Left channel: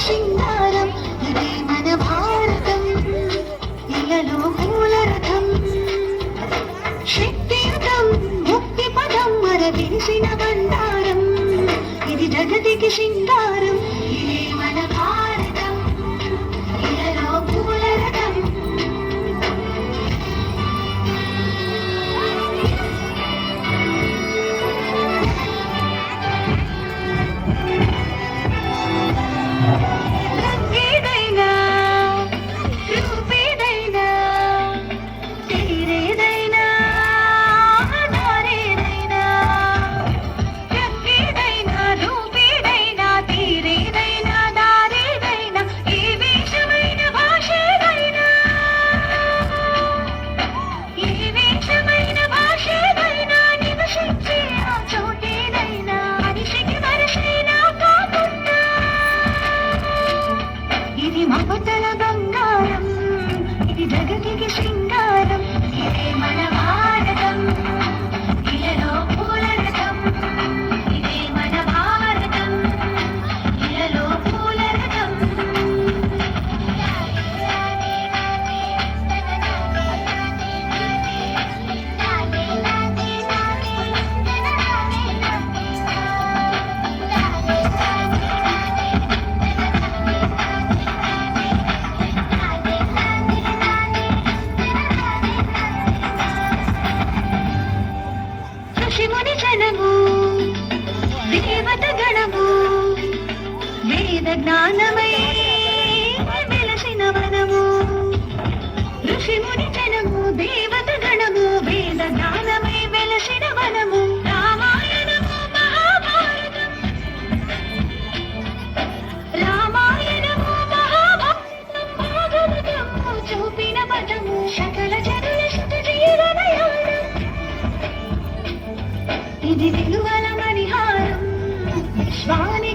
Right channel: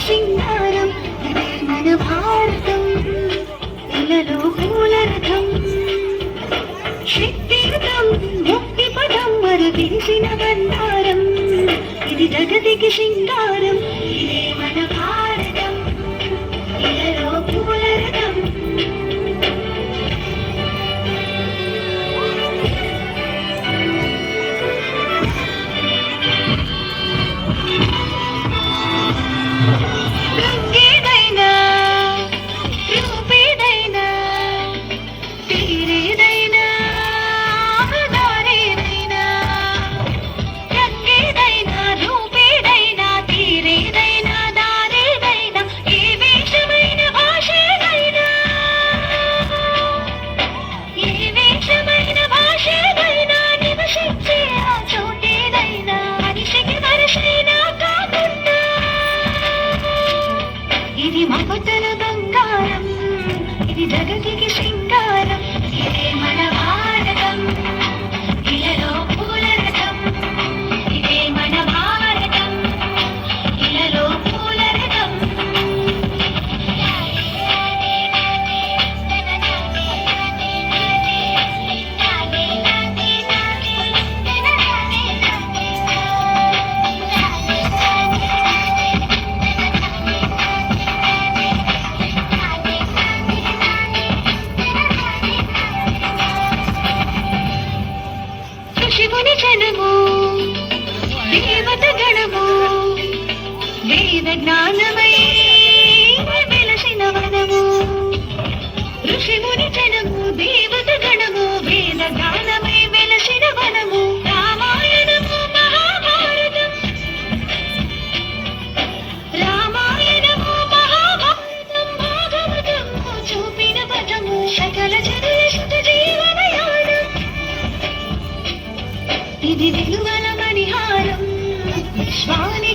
సింగారం ఇదే మన భారతం ఇలలో పూలరథం శక్తియుతం ముక్తి పదం మన తెలిసిన బండారం ఇది జగతికి సింగారం ఇదే మన భారతం ఇలలో పూలరథం ఇది మగతల బంగారం ఇది జగతికి సింగారం ఇదే మన భారతం ఇలలో పూలరథం ఇదే మన భారతం ఇలలో పూలరథం శివుని జనము దేవత గణము వేద జ్ఞానమై వెలసిన వనము ఋషిముని జనము దేవత గణము వేద జ్ఞానమై వెలసిన వనము రామాయణము మహాభారతం రామాయణము మహాభారతం భాగవతము చూపిన పదము సకల జనుల సుఖ జీవనయానం ఇది విలువల మణిహారం విశ్వాని